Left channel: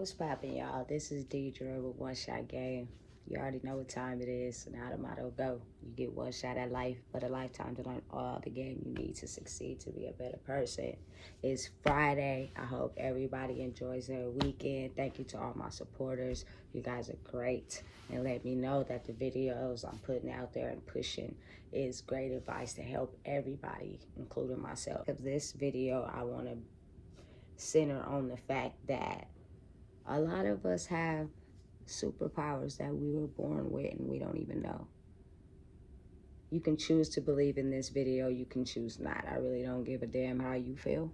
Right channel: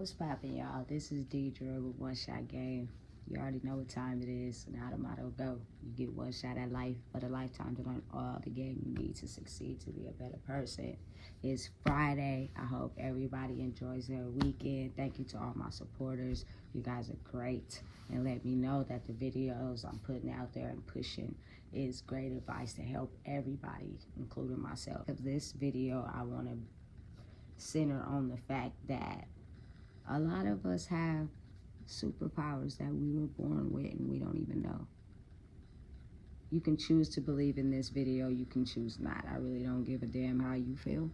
What's poppin', y'all? This is Deidre with One Shot Game. You already know what time it is, and how the motto go. You get one shot at life, but a lifetime to learn all the game you need to succeed to be a better person. It's Friday. I hope everybody enjoys their weekend. Thank you to all my supporters. You guys are great. And let me know that the videos I'm putting out there and pushing is great advice to help everybody, including myself. Of this video, I want to center on the fact that a lot of us have superpowers that we were born with and we don't even know. You can choose to believe in this video, you can choose not. I really don't give a damn how you feel,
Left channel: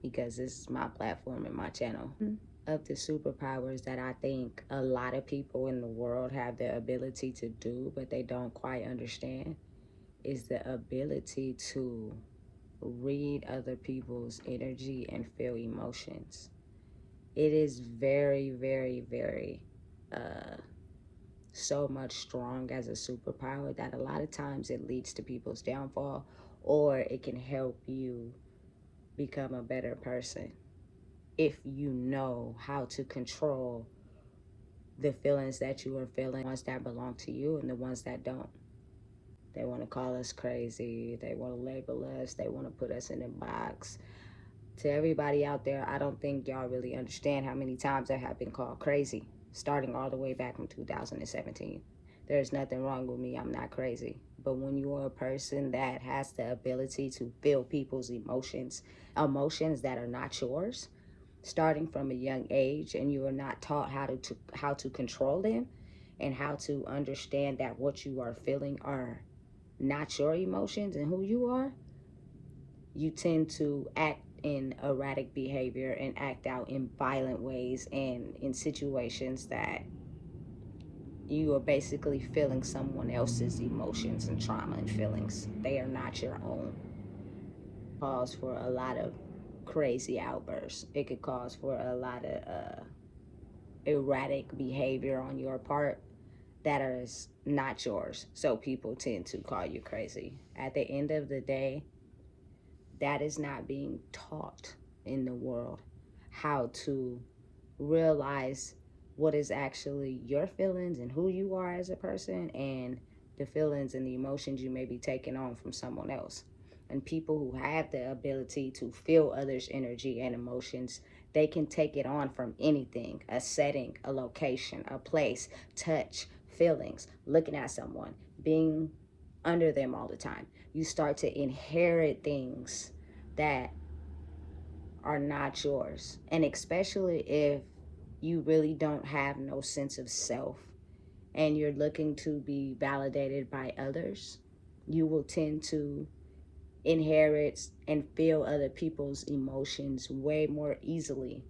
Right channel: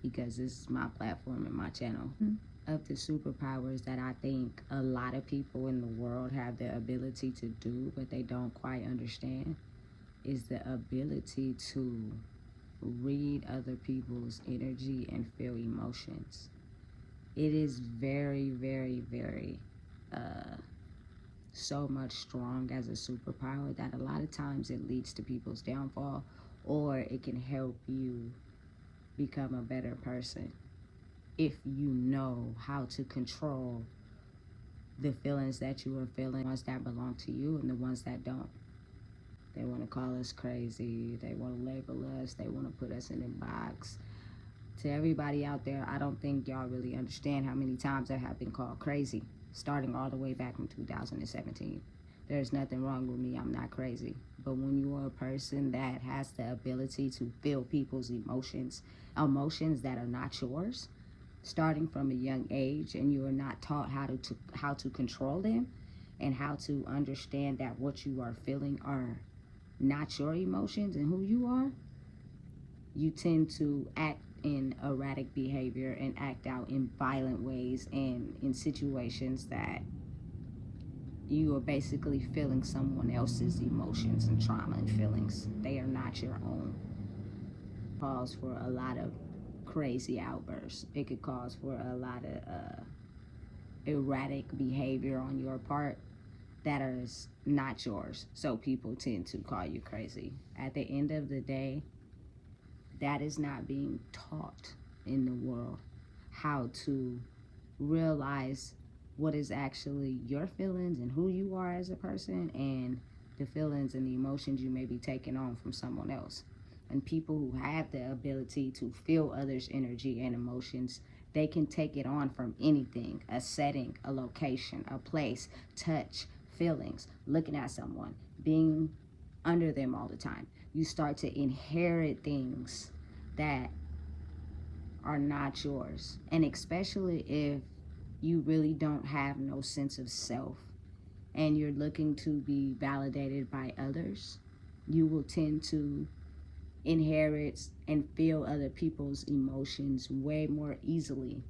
because this is my platform and my channel. Of the superpowers that I think a lot of people in the world have the ability to do, but they don't quite understand, is the ability to read other people's energy and feel emotions. It is very, very, very so much strong as a superpower that a lot of times it leads to people's downfall, or it can help you become a better person if you know how to control the feelings that you are feeling, ones that belong to you and the ones that don't. They want to call us crazy, they want to label us, they want to put us in a box. To everybody out there, I don't think y'all really understand how many times I have been called crazy, starting all the way back from 2017. There's nothing wrong with me, I'm not crazy. But when you are a person that has the ability to feel people's emotions that are not yours, starting from a young age, and you are not taught how to control them and how to understand that what you are feeling are not your emotions and who you are, you tend to act in erratic behavior and act out in violent ways and in situations that you are basically feeling someone else's emotions and trauma and feelings. They are not your own. Cause for a lot of crazy outbursts. It could cause for a lot of erratic behavior on your part that is not yours. So people tend to call you crazy. At the end of the day, that is not being taught in the world, how to realize what is actually your feelings and who you are as a person, and the feelings and the emotions you may be taking on from someone else. And people who have the ability to feel others' energy and emotions, they can take it on from anything: a setting, a location, a place, touch, feelings, looking at someone, being under them all the time. You start to inherit things that are not yours. And especially if you really don't have no sense of self and you're looking to be validated by others, you will tend to inherit and feel other people's emotions way more easily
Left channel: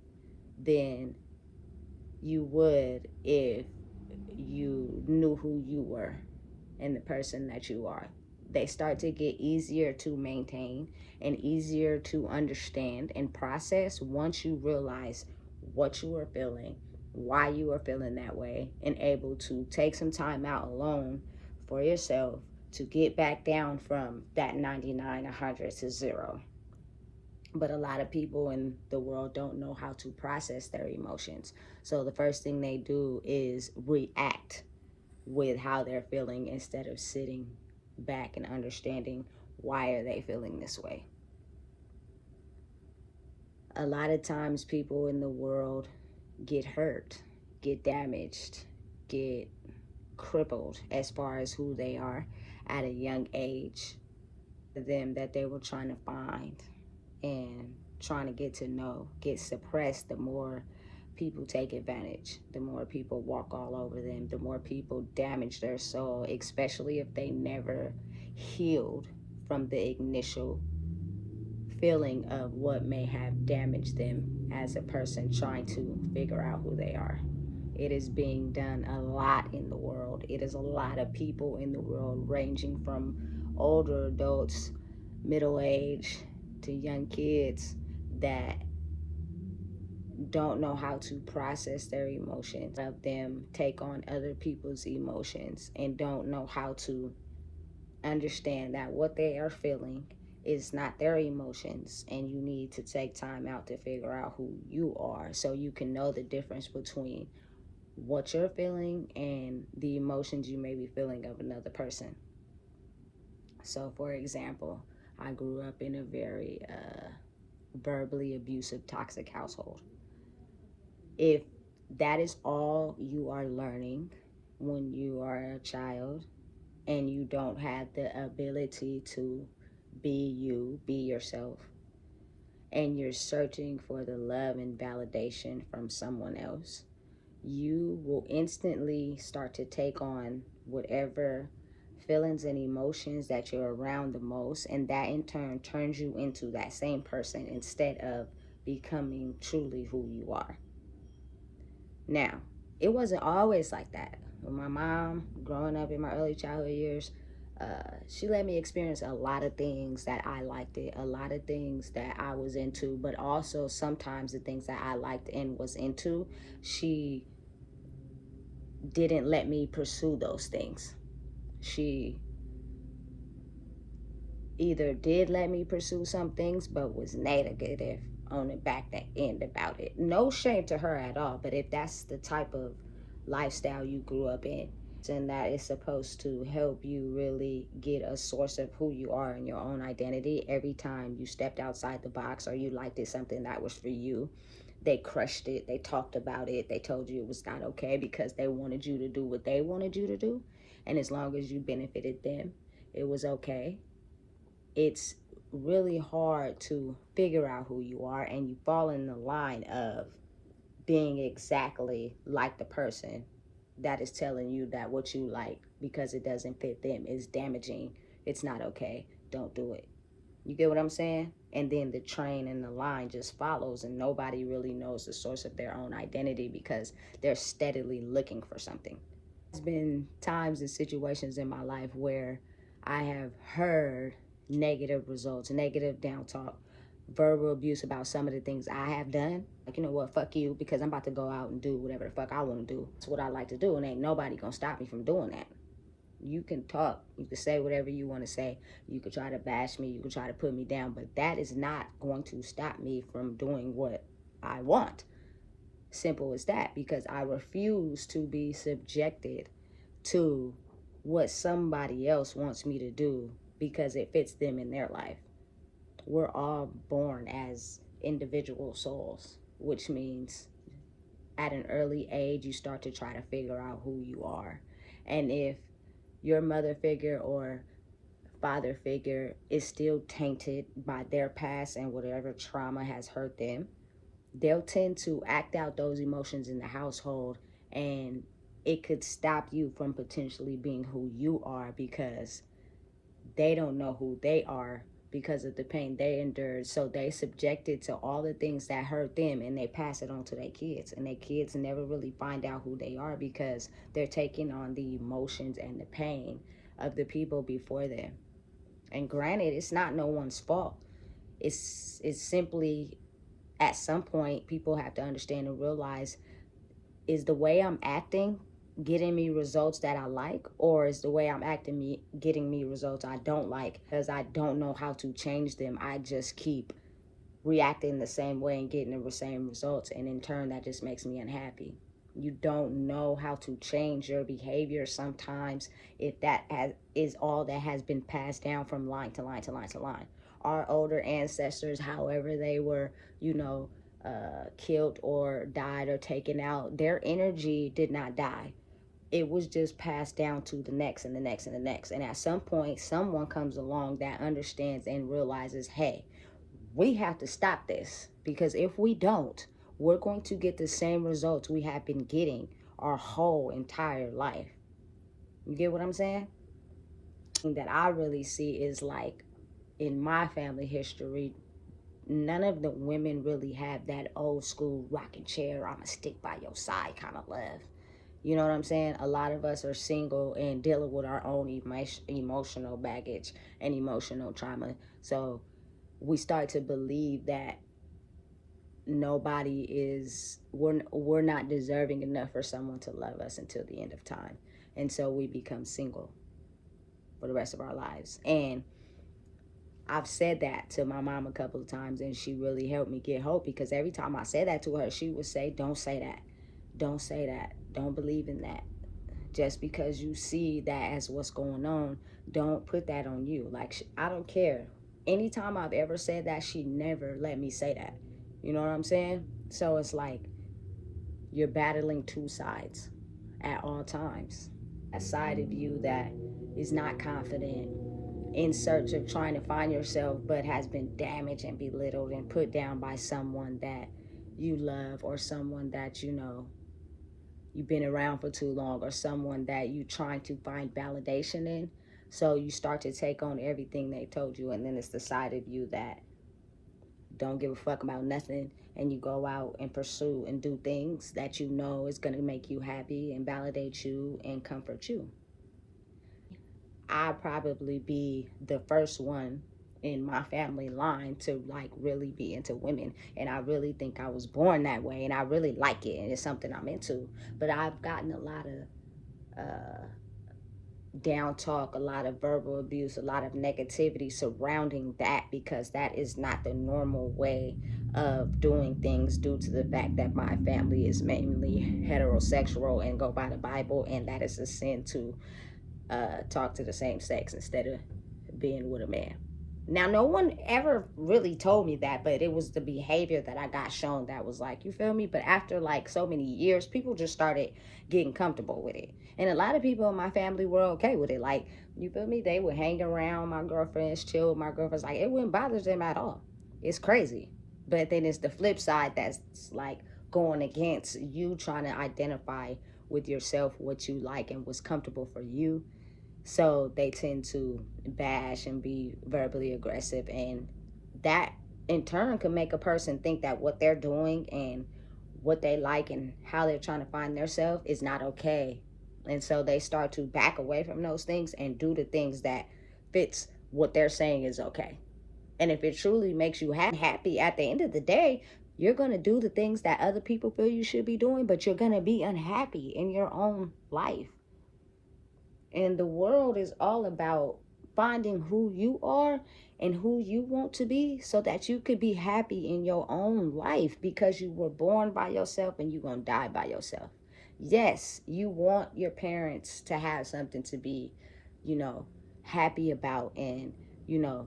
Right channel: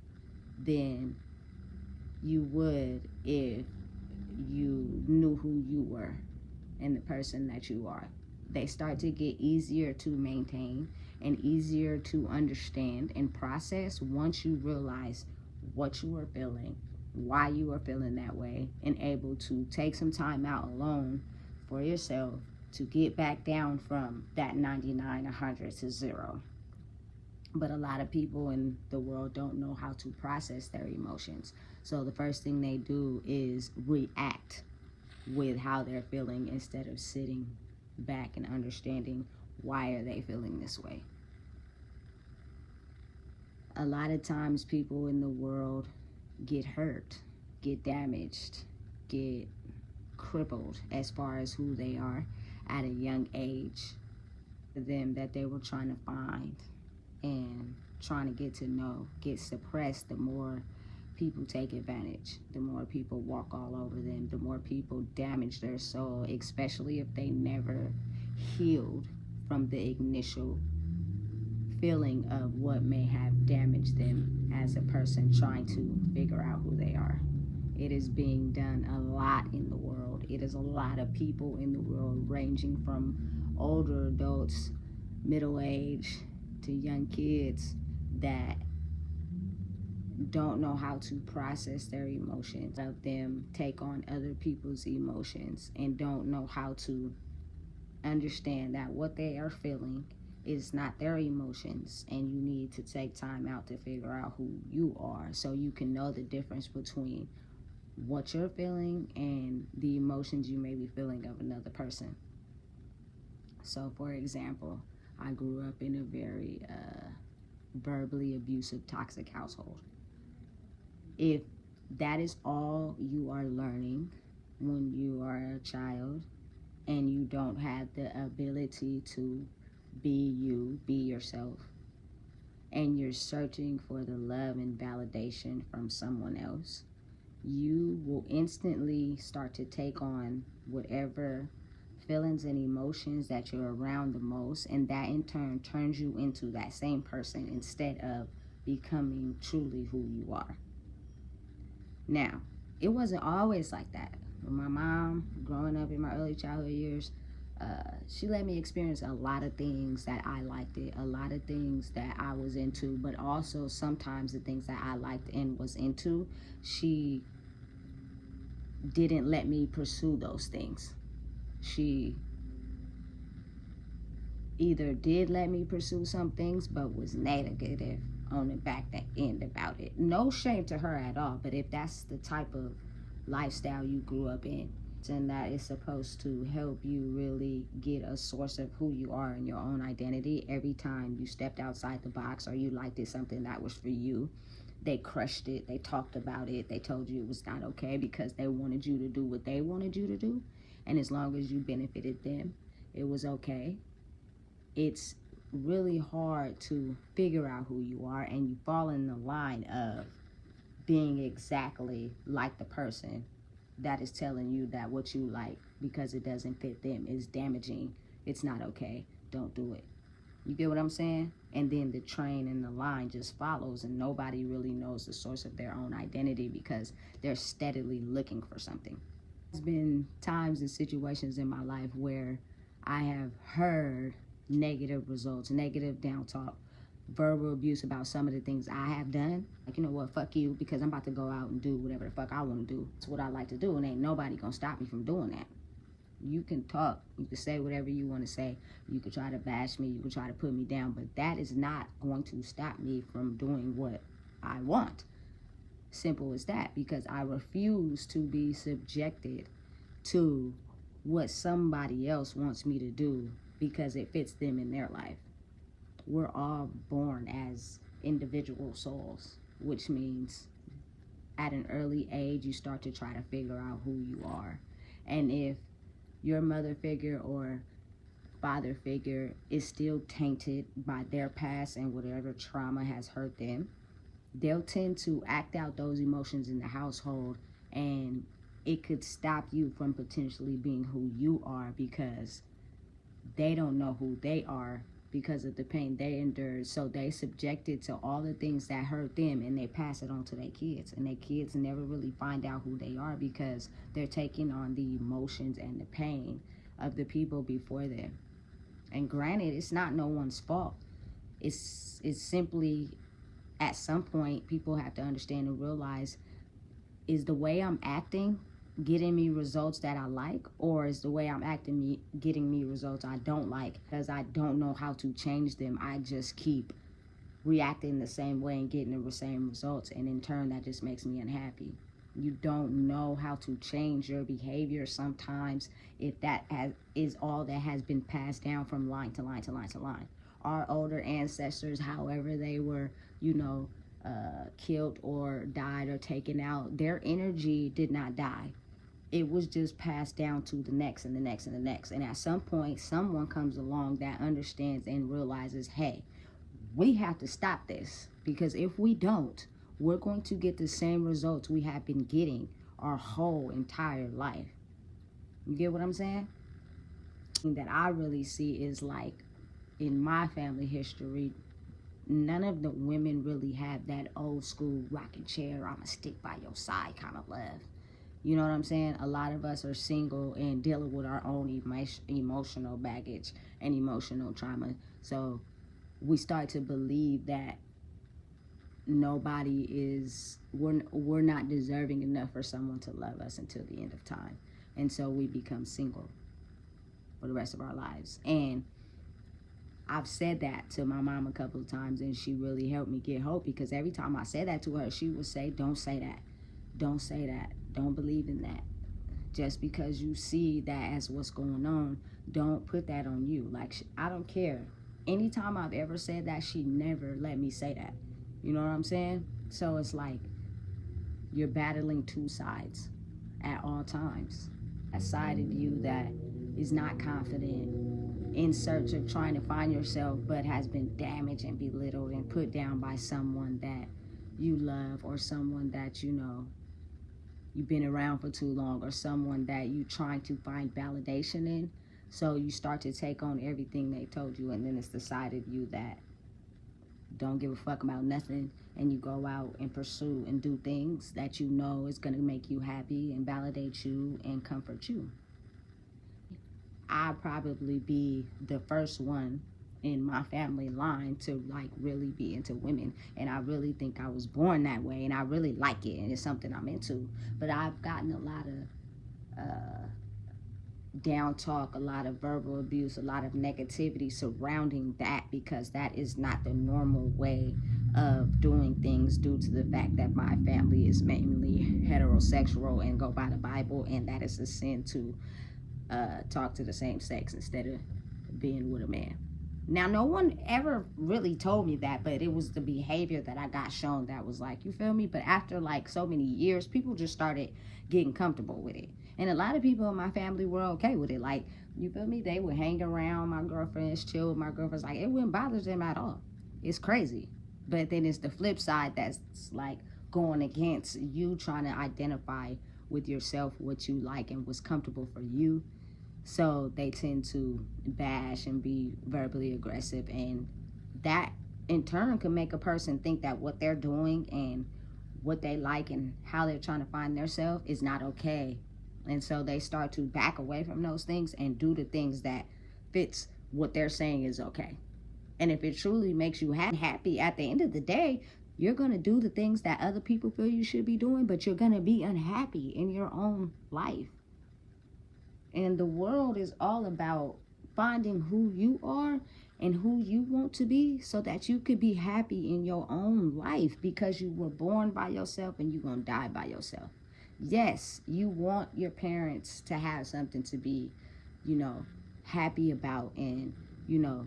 than you would if you knew who you were and the person that you are. They start to get easier to maintain and easier to understand and process once you realize what you are feeling, why you are feeling that way, and able to take some time out alone for yourself to get back down from that 99, 100 to 0. But a lot of people in the world don't know how to process their emotions. So the first thing they do is react with how they're feeling instead of sitting back and understanding why are they feeling this way. A lot of times people in the world get hurt, get damaged, get crippled as far as who they are at a young age, them that they were trying to find and trying to get to know, get suppressed. The more people take advantage, the more people walk all over them, the more people damage their soul, especially if they never healed from the initial feeling of what may have damaged them as a person trying to figure out who they are. It is being done a lot in the world. It is a lot of people in the world, ranging from older adults, middle age, to young kids, that don't know how to process their emotions. Of them take on other people's emotions and don't know how to understand that what they are feeling It's not their emotions, and you need to take time out to figure out who you are so you can know the difference between what you're feeling and the emotions you may be feeling of another person. So, for example, I grew up in a very verbally abusive, toxic household. If that is all you are learning when you are a child and you don't have the ability to be you, be yourself, and you're searching for the love and validation from someone else, you will instantly start to take on whatever feelings and emotions that you're around the most, and that in turn turns you into that same person instead of becoming truly who you are. Now, it wasn't always like that. When my mom, growing up in my early childhood years, she let me experience a lot of things that I liked it, a lot of things that I was into, but also sometimes the things that I liked and was into, she didn't let me pursue those things. She either did let me pursue some things, but was negative on the back end about it. No shame to her at all, but if that's the type of lifestyle you grew up in, and that is supposed to help you really get a source of who you are and your own identity every time you stepped outside the box or you liked it something that was for you, they crushed it, they talked about it, they told you it was not okay because they wanted you to do what they wanted you to do, and as long as you benefited them, it was okay. It's really hard to figure out who you are, and you fall in the line of being exactly like the person that is telling you that what you like because it doesn't fit them is damaging. It's not okay. Don't do it. You get what I'm saying? And then the train and the line just follows, and nobody really knows the source of their own identity because they're steadily looking for something. There's been times and situations in my life where I have heard negative results, negative down talk, verbal abuse about some of the things I have done. Like, you know what, fuck you, because I'm about to go out and do whatever the fuck I want to do. It's what I like to do, and ain't nobody gonna stop me from doing that. You can talk, you can say whatever you want to say, you can try to bash me, you can try to put me down, but that is not going to stop me from doing what I want. Simple as that, because I refuse to be subjected to what somebody else wants me to do because it fits them in their life. We're all born as individual souls, which means at an early age you start to try to figure out who you are. And if your mother figure or father figure is still tainted by their past and whatever trauma has hurt them, they'll tend to act out those emotions in the household, and it could stop you from potentially being who you are because they don't know who they are because of the pain they endured. So they subjected to all the things that hurt them, and they pass it on to their kids, and their kids never really find out who they are because they're taking on the emotions and the pain of the people before them. And granted, it's not no one's fault. It's simply at some point people have to understand and realize, is the way I'm acting getting me results that I like, or is the way I'm acting getting me results I don't like? Because I don't know how to change them. I just keep reacting the same way and getting the same results, and in turn that just makes me unhappy. You don't know how to change your behavior sometimes if is all that has been passed down from line to line to line to line. Our older ancestors, however they were, killed or died or taken out, their energy did not die. It was just passed down to the next and the next and the next. And at some point, someone comes along that understands and realizes, hey, we have to stop this, because if we don't, we're going to get the same results we have been getting our whole entire life. You get what I'm saying? That I really see is like in my family history, none of the women really have that old school rocking chair, I'ma stick by your side kind of love. You know what I'm saying? A lot of us are single and dealing with our own emotional baggage and emotional trauma. So we start to believe that we're not deserving enough for someone to love us until the end of time. And so we become single for the rest of our lives. And I've said that to my mom a couple of times, and she really helped me get hope, because every time I said that to her, she would say, don't say that. Don't say that. Don't believe in that. Just because you see that as what's going on, don't put that on you. Like, I don't care. Anytime I've ever said that, she never let me say that. You know what I'm saying? So it's like you're battling two sides at all times. A side of you that is not confident, in search of trying to find yourself, but has been damaged and belittled and put down by someone that you love, or someone that you know you've been around for too long, or someone that you trying to find validation in. So you start to take on everything they told you, and then it's the side of you that don't give a fuck about nothing, and you go out and pursue and do things that you know is going to make you happy and validate you and comfort you. I'd probably be the first one in my family line to like really be into women, and I really think I was born that way, and I really like it, and it's something I'm into. But I've gotten a lot of down talk, a lot of verbal abuse, a lot of negativity surrounding that, because that is not the normal way of doing things, due to the fact that my family is mainly heterosexual and go by the Bible, and that is a sin to talk to the same sex instead of being with a man. Now, no one ever really told me that, but it was the behavior that I got shown that was like, you feel me? But after like so many years, people just started getting comfortable with it. And a lot of people in my family were okay with it. Like, you feel me? They would hang around my girlfriends, chill with my girlfriends. Like, it wouldn't bother them at all. It's crazy. But then it's the flip side that's like going against you trying to identify with yourself what you like and what's comfortable for you. So they tend to bash and be verbally aggressive, and that in turn can make a person think that what they're doing and what they like and how they're trying to find themselves is not okay. And so they start to back away from those things and do the things that fits what they're saying is okay. And if it truly makes you happy at the end of the day, you're going to do the things that other people feel you should be doing, but you're going to be unhappy in your own life. And the world is all about finding who you are and who you want to be, so that you could be happy in your own life, because you were born by yourself and you're going to die by yourself. Yes, you want your parents to have something to be, you know, happy about, and, you know,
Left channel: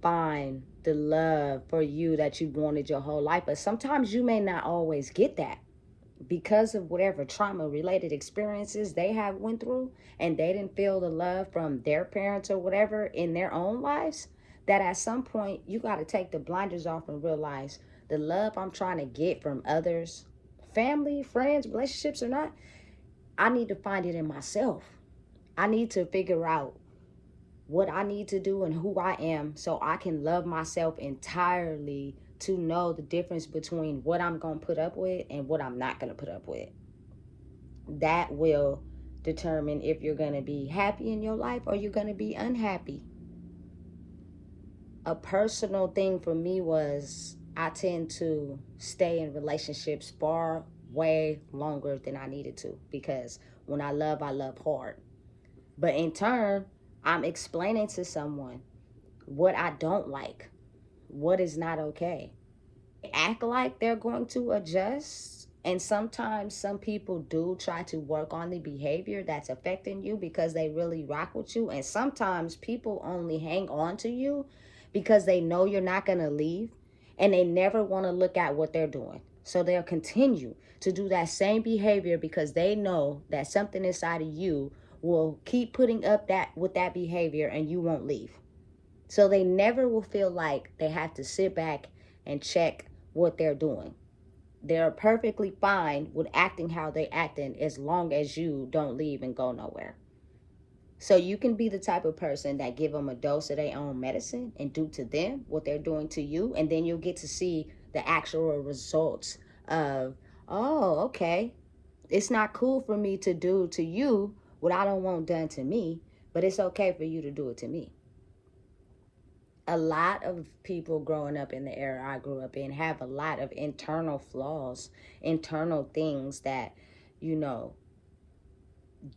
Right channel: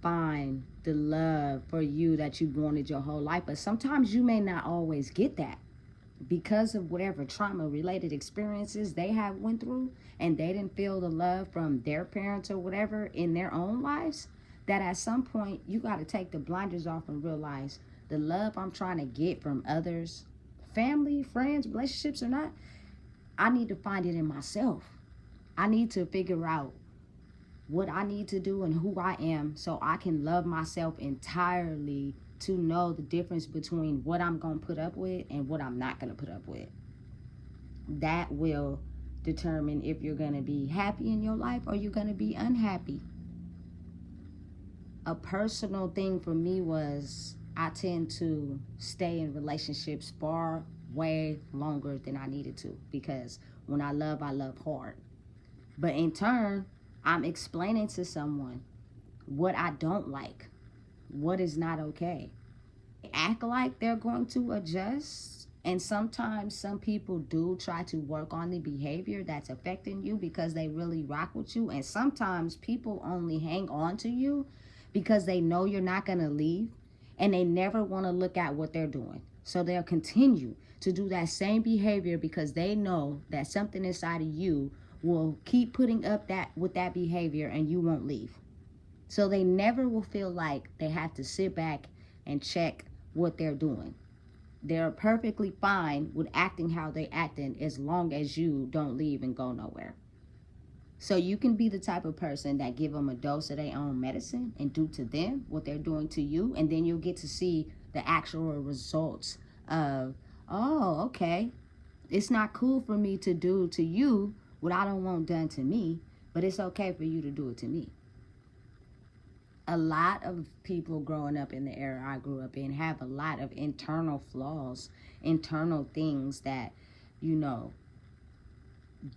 find the love for you that you wanted your whole life. But sometimes you may not always get that, because of whatever trauma related experiences they have went through, and they didn't feel the love from their parents or whatever in their own lives, that at some point you got to take the blinders off and realize the love I'm trying to get from others, family, friends, relationships or not, I need to find it in myself. I need to figure out what I need to do and who I am, so I can love myself entirely, to know the difference between what I'm going to put up with and what I'm not going to put up with. That will determine if you're going to be happy in your life or you're going to be unhappy. A personal thing for me was, I tend to stay in relationships far way longer than I needed to, because when I love hard. But in turn, I'm explaining to someone what I don't like, what is not okay. Act like they're going to adjust, and sometimes some people do try to work on the behavior that's affecting you because they really rock with you. And sometimes people only hang on to you because they know you're not going to leave, and they never want to look at what they're doing. So they'll continue to do that same behavior because they know that something inside of you will keep putting up that with that behavior, and you won't leave. So they never will feel like they have to sit back and check what they're doing. They're perfectly fine with acting how they're acting, as long as you don't leave and go nowhere. So you can be the type of person that give them a dose of their own medicine and do to them what they're doing to you, and then you'll get to see the actual results of, oh, okay, it's not cool for me to do to you what I don't want done to me, but it's okay for you to do it to me. A lot of people growing up in the era I grew up in have a lot of internal flaws, internal things that, you know,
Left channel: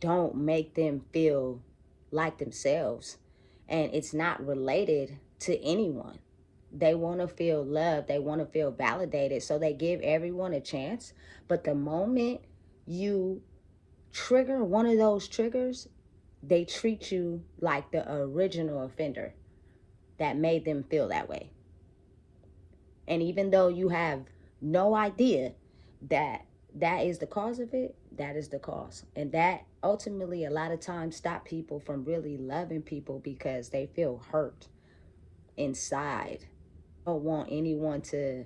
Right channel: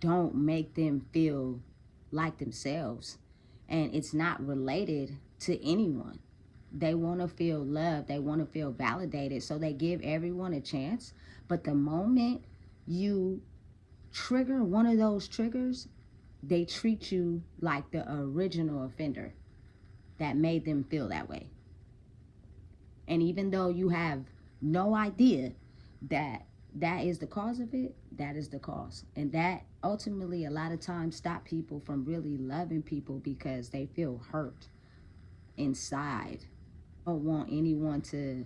don't make them feel like themselves. And it's not related to anyone. They want to feel loved, they want to feel validated, so they give everyone a chance. But the moment you trigger one of those triggers, they treat you like the original offender that made them feel that way. And even though you have no idea that that is the cause of it, that is the cause. And that ultimately a lot of times stop people from really loving people because they feel hurt inside. Don't want anyone to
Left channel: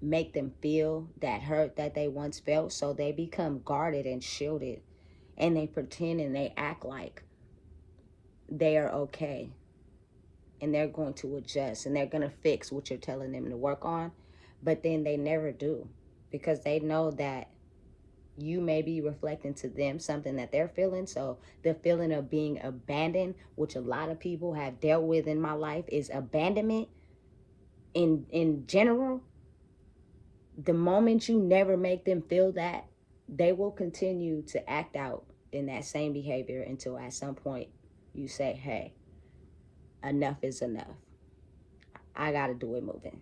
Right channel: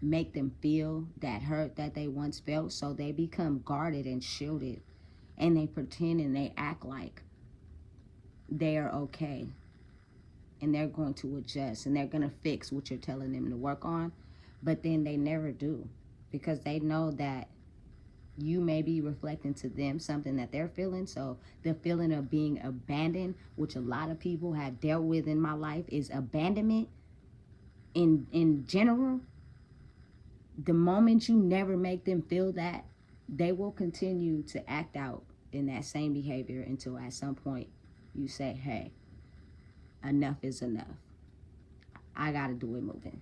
make them feel that hurt that they once felt, so they become guarded and shielded, and they pretend and they act like they are okay, and they're going to adjust and they're going to fix what you're telling them to work on. But then they never do, because they know that you may be reflecting to them something that they're feeling. So the feeling of being abandoned, which a lot of people have dealt with in my life, is abandonment in general. The moment you never make them feel that, they will continue to act out in that same behavior until at some point you say, hey, enough is enough. I gotta do it moving.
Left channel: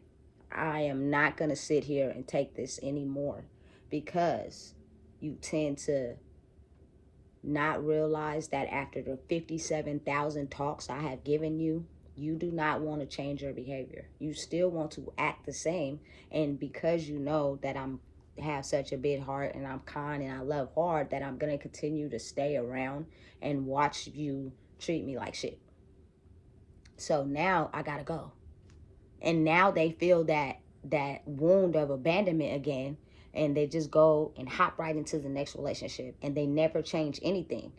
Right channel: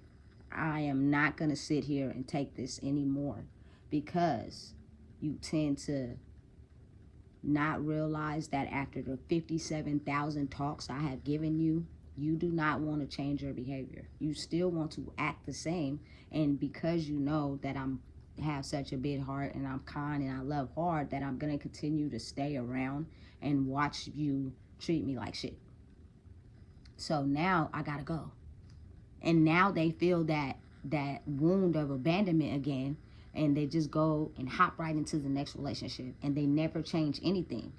I am not gonna sit here and take this anymore, because you tend to not realize that after the 57,000 talks I have given you, you do not want to change your behavior. You still want to act the same. And because you know that I'm have such a big heart and I'm kind and I love hard, that I'm going to continue to stay around and watch you treat me like shit. So now I got to go. And now they feel that wound of abandonment again, and they just go and hop right into the next relationship, and they never change anything.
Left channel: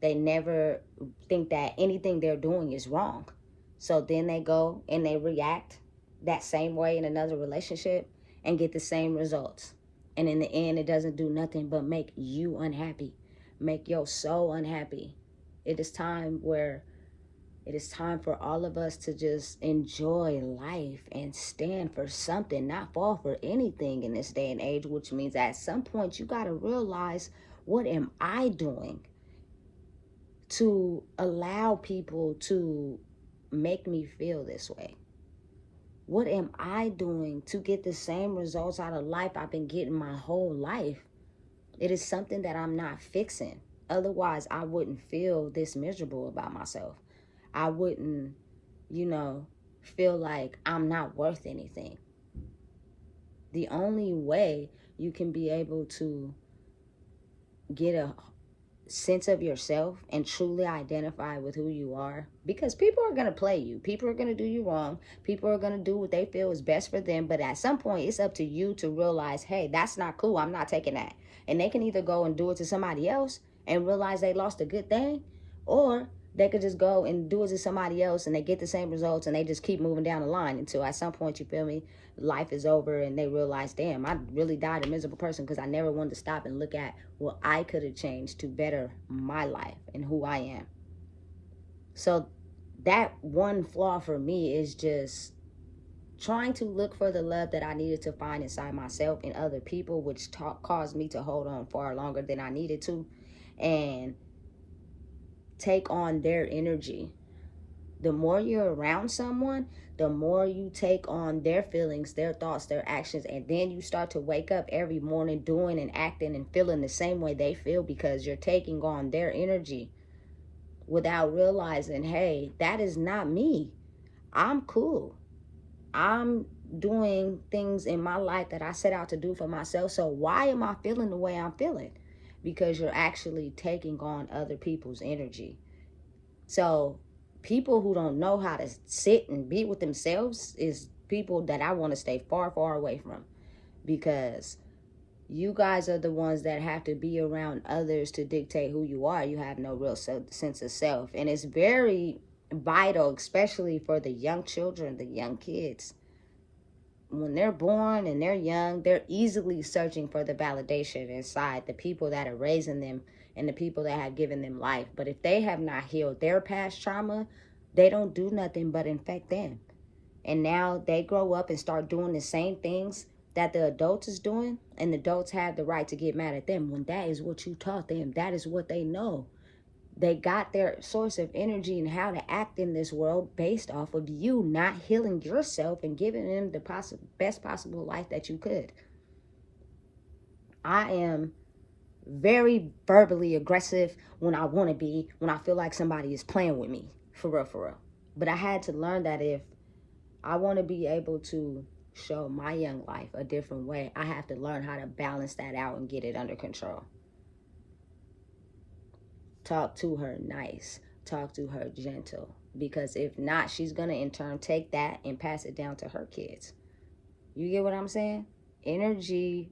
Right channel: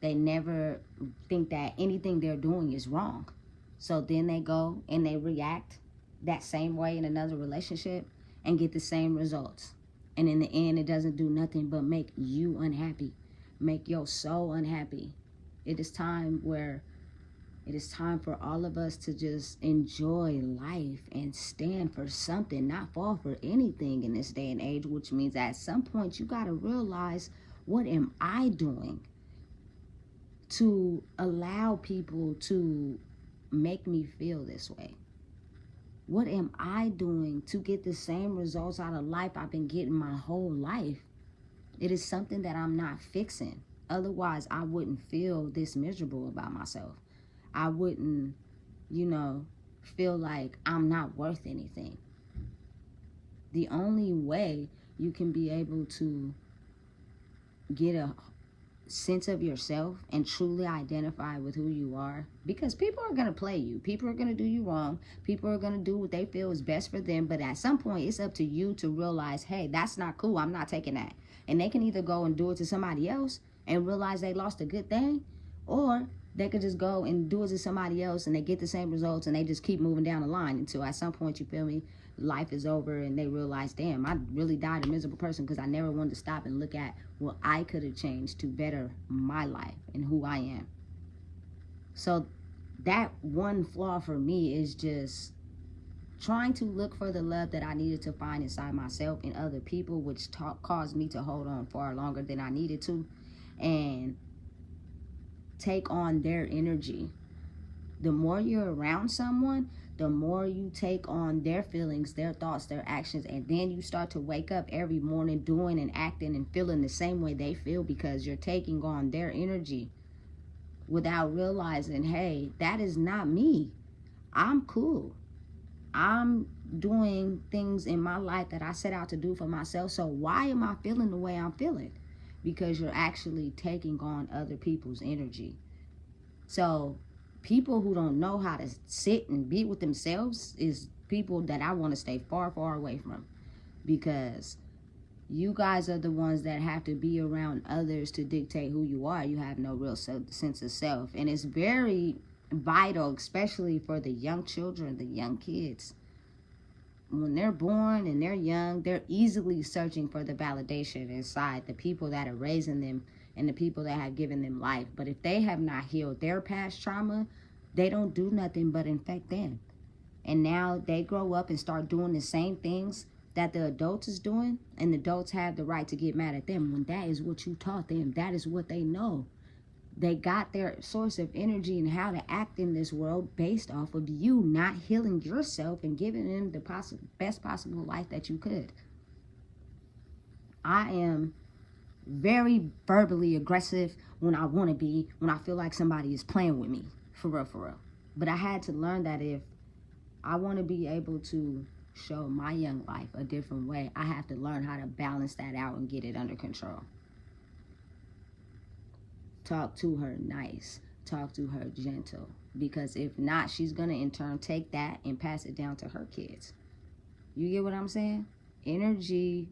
They never think that anything they're doing is wrong. So then they go and they react that same way in another relationship and get the same results. And in the end, it doesn't do nothing but make you unhappy, make your soul unhappy. It is time for all of us to just enjoy life and stand for something, not fall for anything in this day and age, which means at some point you got to realize, what am I doing to allow people to make me feel this way? What am I doing to get the same results out of life I've been getting my whole life? It is something that I'm not fixing. Otherwise, I wouldn't feel this miserable about myself. I wouldn't, feel like I'm not worth anything. The only way you can be able to get a sense of yourself and truly identify with who you are, because people are going to play you, people are going to do you wrong, people are going to do what they feel is best for them, but at some point it's up to you to realize, hey, that's not cool, I'm not taking that. And they can either go and do it to somebody else and realize they lost a good thing, or they could just go and do it to somebody else and they get the same results and they just keep moving down the line until at some point, you feel me, life is over and they realize, damn, I really died a miserable person because I never wanted to stop and look at what I could have changed to better my life and who I am. So that one flaw for me is just trying to look for the love that I needed to find inside myself and other people, which caused me to hold on far longer than I needed to and take on their energy. The more you're around someone, the more you take on their feelings, their thoughts, their actions, and then you start to wake up every morning doing and acting and feeling the same way they feel, because you're taking on their energy without realizing, hey, that is not me. I'm cool. I'm doing things in my life that I set out to do for myself. So why am I feeling the way I'm feeling? Because you're actually taking on other people's energy. So people who don't know how to sit and be with themselves is people that I want to stay far, far away from, because you guys are the ones that have to be around others to dictate who you are. You have no real sense of self. And it's very vital, especially for the young children, the young kids. When they're born and they're young, they're easily searching for the validation inside the people that are raising them and the people that have given them life. But if they have not healed their past trauma, they don't do nothing but infect them. And now they grow up and start doing the same things that the adults is doing, and the adults have the right to get mad at them when that is what you taught them. That is what they know. They got their source of energy and how to act in this world based off of you not healing yourself and giving them the best possible life that you could. I am very verbally aggressive when I want to be, when I feel like somebody is playing with me, for real, for real. But I had to learn that if I want to be able to show my young life a different way, I have to learn how to balance that out and get it under control. Talk to her nice, talk to her gentle, because if not, she's going to in turn take that and pass it down to her kids. You get what I'm saying? Energy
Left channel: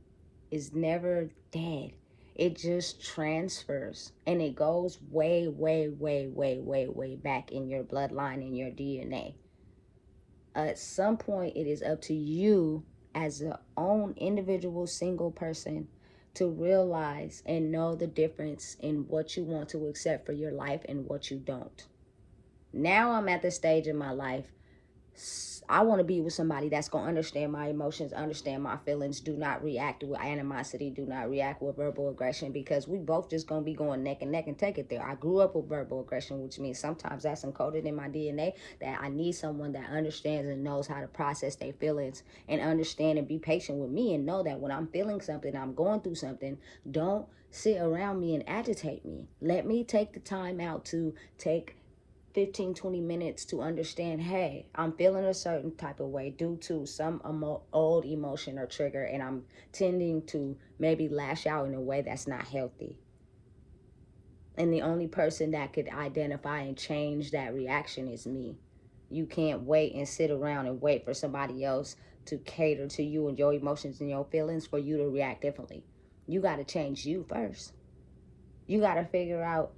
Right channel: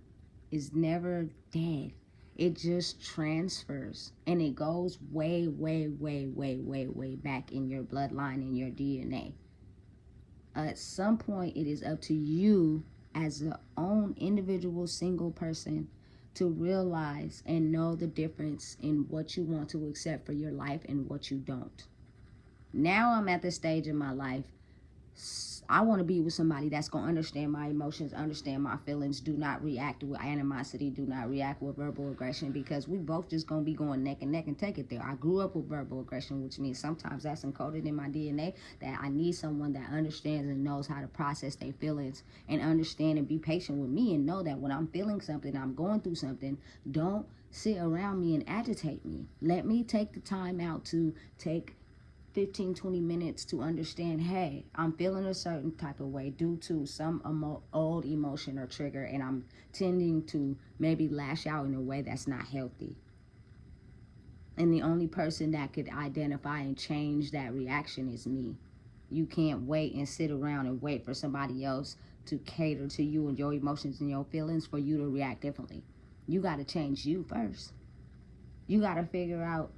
is never dead. It just transfers, and it goes way, way, way, way, way, way back in your bloodline, in your DNA. At some point, it is up to you as a own individual single person to realize and know the difference in what you want to accept for your life and what you don't. Now I'm at the stage in my life, I want to be with somebody that's going to understand my emotions, understand my feelings, do not react with animosity, do not react with verbal aggression, because we both just going to be going neck and neck and take it there. I grew up with verbal aggression, which means sometimes that's encoded in my DNA, that I need someone that understands and knows how to process their feelings and understand and be patient with me and know that when I'm feeling something, I'm going through something, don't sit around me and agitate me. Let me take the time out to take 15-20 minutes to understand, hey, I'm feeling a certain type of way due to some old emotion or trigger, and I'm tending to maybe lash out in a way that's not healthy. And the only person that could identify and change that reaction is me. You can't wait and sit around and wait for somebody else to cater to you and your emotions and your feelings for you to react differently. You got to change you first. You got to figure out,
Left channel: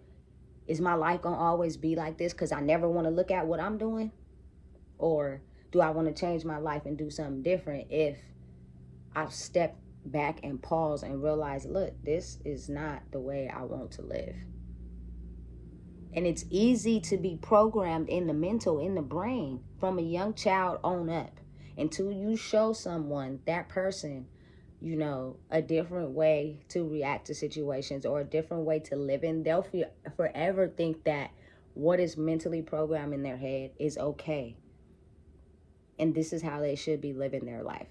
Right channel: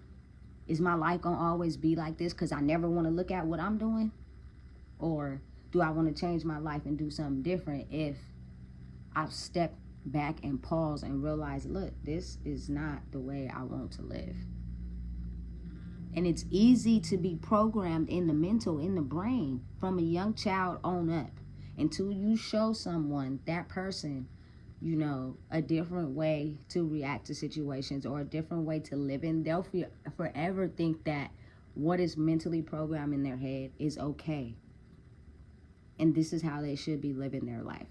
is my life going to always be like this because I never want to look at what I'm doing? Or do I want to change my life and do something different if I step back and pause and realize, look, this is not the way I want to live? And it's easy to be programmed in the mental, in the brain, from a young child on up, until you show someone, that person, a different way to react to situations or a different way to live in. They'll forever think that what is mentally programmed in their head is okay. And this is how they should be living their life.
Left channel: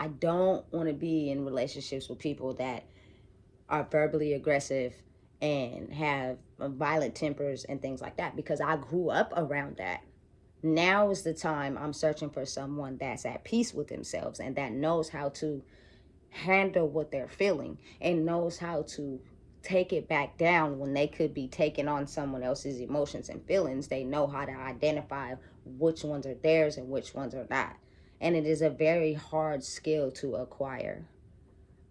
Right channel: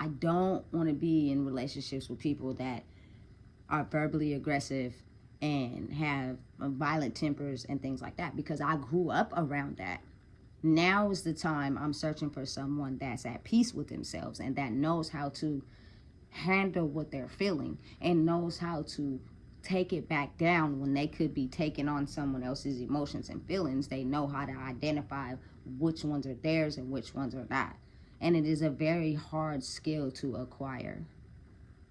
I don't want to be in relationships with people that are verbally aggressive and have violent tempers and things like that, because I grew up around that. Now is the time I'm searching for someone that's at peace with themselves and that knows how to handle what they're feeling and knows how to take it back down when they could be taking on someone else's emotions and feelings. They know how to identify which ones are theirs and which ones are not. And it is a very hard skill to acquire.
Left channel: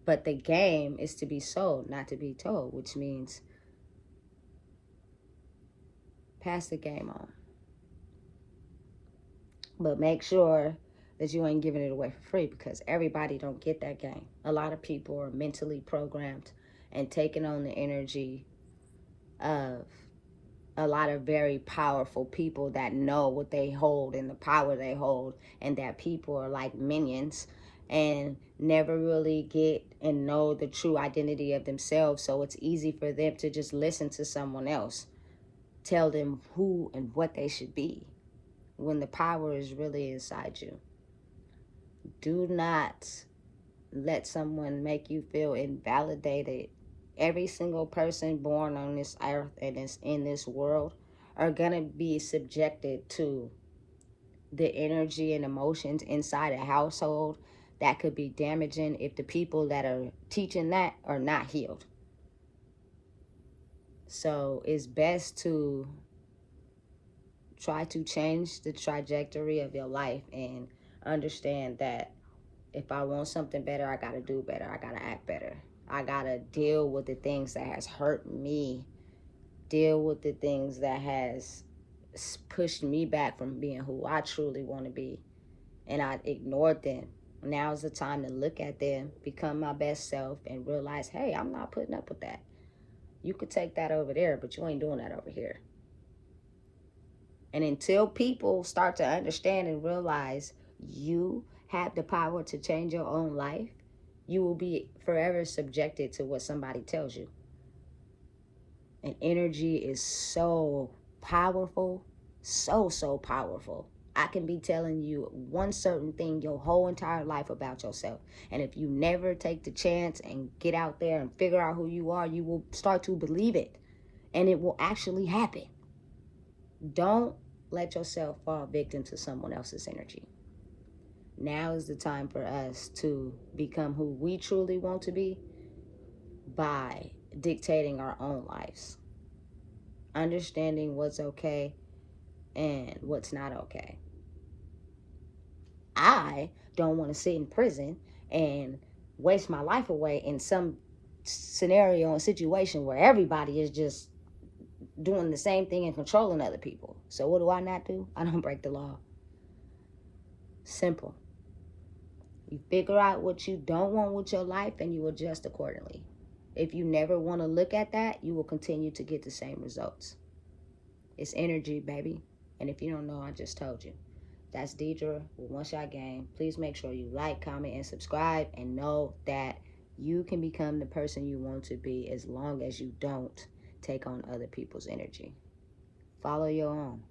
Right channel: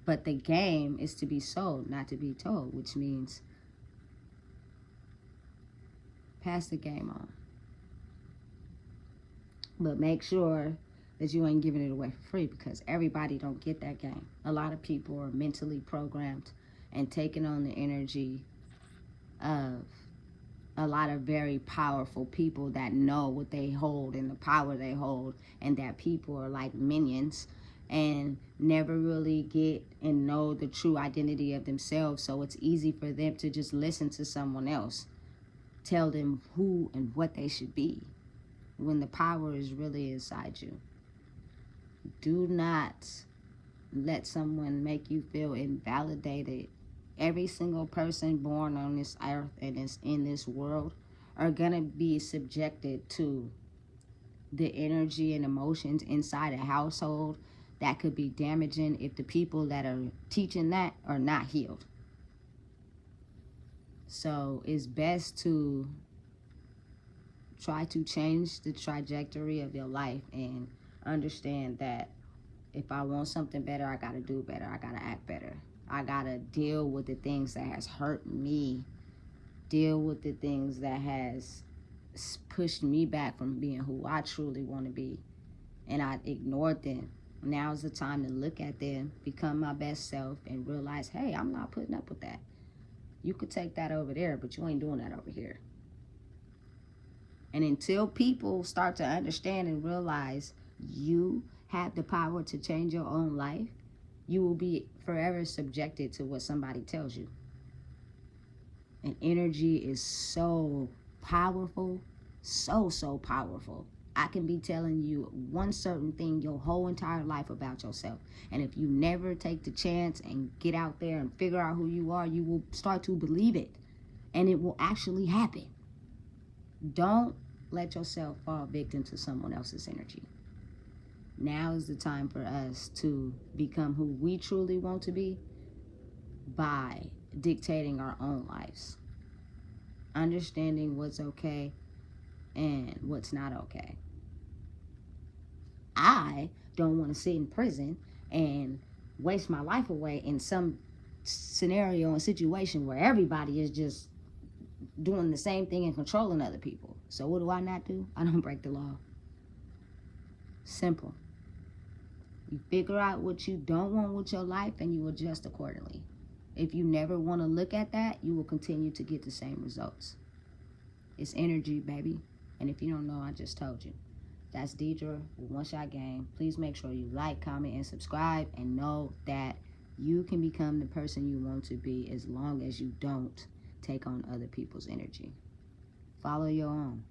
But the game is to be sold, not to be told, which means pass the game on. But make sure that you ain't giving it away for free, because everybody don't get that game. A lot of people are mentally programmed and taking on the energy of a lot of very powerful people that know what they hold and the power they hold, and that people are like minions and never really get and know the true identity of themselves. So it's easy for them to just listen to someone else tell them who and what they should be, when the power is really inside you. Do not let someone make you feel invalidated. Every single person born on this earth and is in this world are going to be subjected to the energy and emotions inside a household that could be damaging if the people that are teaching that are not healed. So it's best to try to change the trajectory of your life and understand that if I want something better, I gotta do better. I gotta act better. I gotta deal with the things that has hurt me. Deal with the things that has pushed me back from being who I truly want to be. And I ignored them. Now's the time to look at them, become my best self, and realize, hey, I'm not putting up with that. You could take that over there, but you ain't doing that over here. And until people start to understand and realize you have the power to change your own life, you will be forever subjected to what somebody tells you. And energy is so powerful, so powerful. I can be telling you one certain thing your whole entire life about yourself. And if you never take the chance and get out there and figure out who you are, you will start to believe it. And it will actually happen. Don't let yourself fall victim to someone else's energy. Now is the time for us to become who we truly want to be by dictating our own lives, understanding what's okay and what's not okay. I don't want to sit in prison and waste my life away in some scenario and situation where everybody is just doing the same thing and controlling other people. So what do I not do? I don't break the law. Simple. You figure out what you don't want with your life and you adjust accordingly. If you never want to look at that, you will continue to get the same results. It's energy, baby. And if you don't know, I just told you. That's Deidre with One Shot Game. Please make sure you like, comment, and subscribe, and know that you can become the person you want to be as long as you don't take on other people's energy. Follow your own.